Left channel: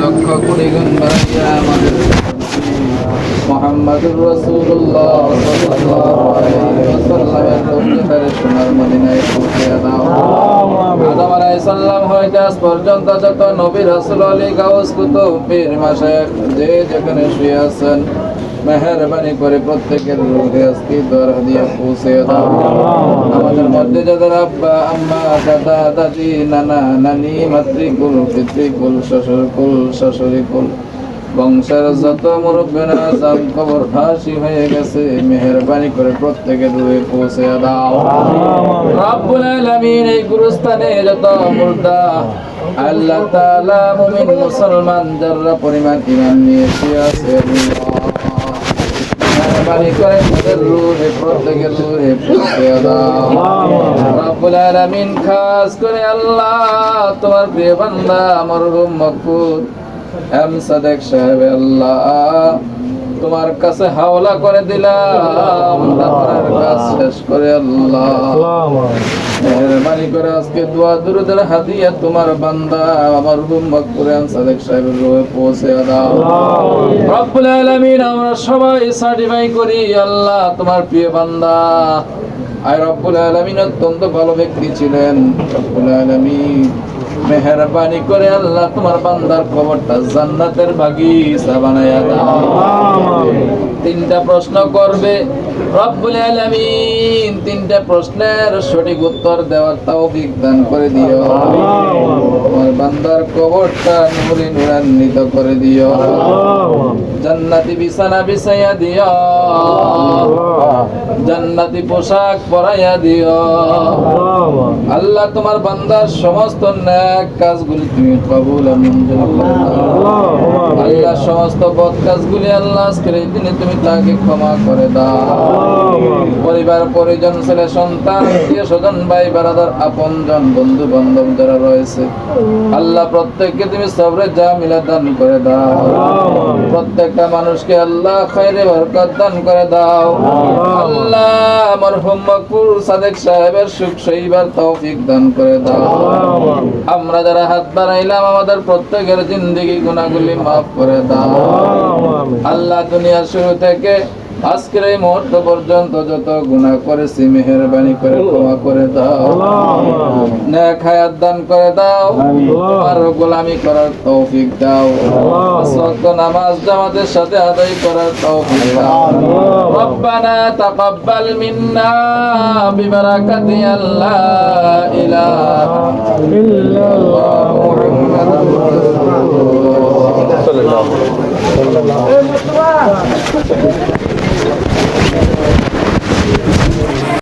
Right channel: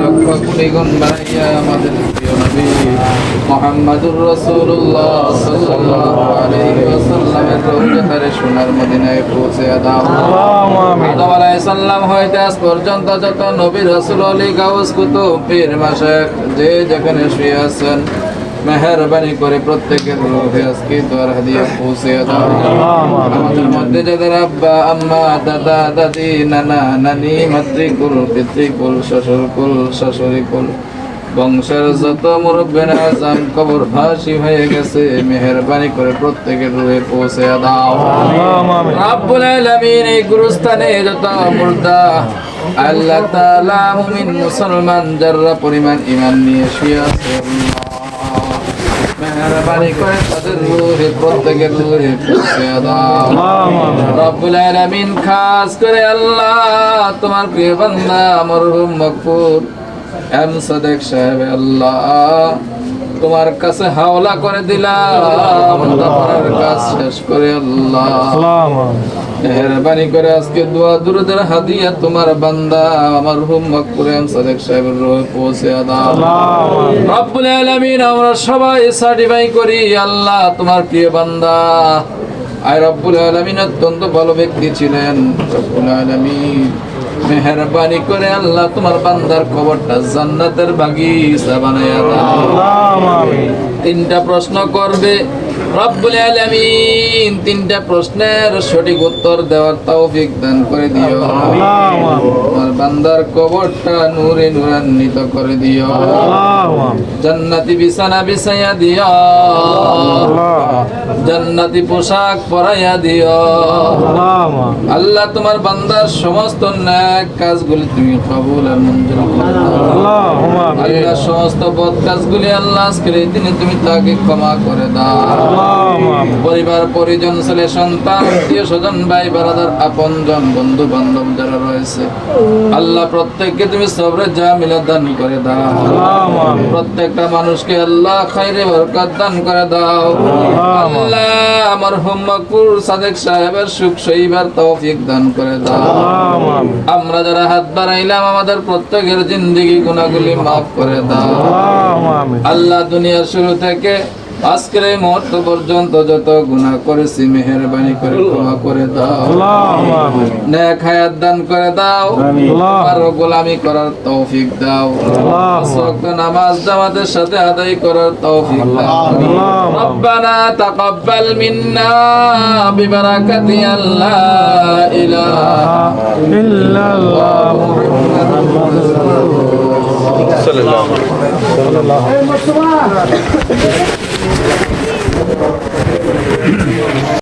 লক্ষ কোটি গুণ বাড়াইয়া আমাদের নবী মুহাম্মদুর রাসূলুল্লাহ সাল্লাল্লাহু আলাইহি ওয়াসাল্লামের রওজাতারে সোনার মদিনায় পৌঁছে দাও। আদম আলাইহিস সালাম হইতে আজ পর্যন্ত যত নবী রাসূল আলী গাউস কুতুব পীর মাশায়েখ যে যেখানে শুয়ে আছেন মেহেরবানি করে প্রত্যেকের রূহে আজকে দোয়ার হাদিয়া পৌঁছে দাও। আমাদের মধ্যে যাদের আব্বা আম্মা দাদা দাদি নানা নানি মাতৃকুল পিতৃকুল শ্বশুরকুল শাশুড়িকুল বংশের যত মুরব্বিরা আজম কবর ফাঁসি হয়ে গেছে মেহেরবানি করে প্রত্যেকের রূহে পৌঁছে দাও। রব্বুল আলামিন এই গুরুস্থানে যত মুর্দা আল্লাহ তাআলা মুমিন মুসলমান যারা পরিমাণ ঈমান নিয়ে শুয়ে আছে মেহেরবানি করে তাদের রূহে প্রত্যেকের রূহে পৌঁছে দাও। রব্বুল আলামিন খাস করে আল্লাহ তোমার প্রিয় বান্দা মরহুম মকবুল এম সাদেক সাহেব আল্লাহ তোমার কাছে হাওলা করে দিলাম তারপরের কাজ শেষ করে আল্লাহ মেহেরবানি করে আজকে দোয়া দুরুদের হাদিয়া তোমার বান্দা মরহুম মকবুল এম সাদেক সাহেবের রূহে পৌঁছে দাও। রব্বুল আলামিন আমরা সবাই সার্টিফাই করি আল্লাহ তোমার প্রিয় বান্দা আর রব্বুল আলামিন অত্যন্ত ভালো ব্যক্তি ছিলেন। রব্বুল আলামিন মেহেরবানি করে আল্লাহ তোমার বান্দার কবরটা জান্নাতের বাগিচা বানায়া দাও। তিনটা প্রশ্ন করবে রব্বুল আলামিন তিনটা প্রশ্নের সঠিক উত্তর দেওয়ার তৌফিক দান করে দিও। তোমার বান্দার কবরটা নূরে নূরান্বিত করে দিও। জান্নাতি বিছানা বিছাইয়া দিও। জান্নাতি পোশাক পরাইয়া দিও। আল্লাহ তোমার বান্দার সমস্ত নেক কাজগুলি তুমি কবুল আর মঞ্জুর করে দাও। আল্লাহ সমস্ত বদ কাজগুলি আল্লাহ আজকের এই দিনে তুমি তাকে ক্ষমা করে দাও। পরিবার পরিজন ছেলে সন্তান আত্মীয় স্বজন ভাই বারাদার আপনজন বন্ধু বান্ধব যারা রয়েছে আল্লাহ প্রত্যেককে তুমি সবরে জামিলা দান করে দাও। প্রত্যেকটা মানুষকে আল্লাহ খায়রে বরকত দান করে দাও। আল্লাহ আমার মকবুল সাদেক সাহেবের সুখ সইবার তৌফিক দান করে দাও। আমরা যারা হাত বাড়াইলাম আমাদের প্রত্যেকের জিন্দেগি গুনাহগুলি মাফ করে দাও। আল্লাহ দুনিয়ার শুরু থেকে আজকের এই মুহূর্ত পর্যন্ত যত গুনাহ করেছি মেহেরবানি করে ক্ষমা করে দাও। নেক হায়াত দান করে দাও। তোমার গোলামি করার তৌফিক দাও। পাঁচ ওয়াক্ত নামাজ জামাতের সাথে আদায় করার তৌফিক দাও। রব্বানা তাকাব্বাল মিন্না বিবারাকাতি আল্লা ইলাহা ইল্লাল্লাহ মুহাম্মাদুর রাসূলুল্লাহ সাল্লাল্লাহু আলাইহি ওয়াসাল্লাম।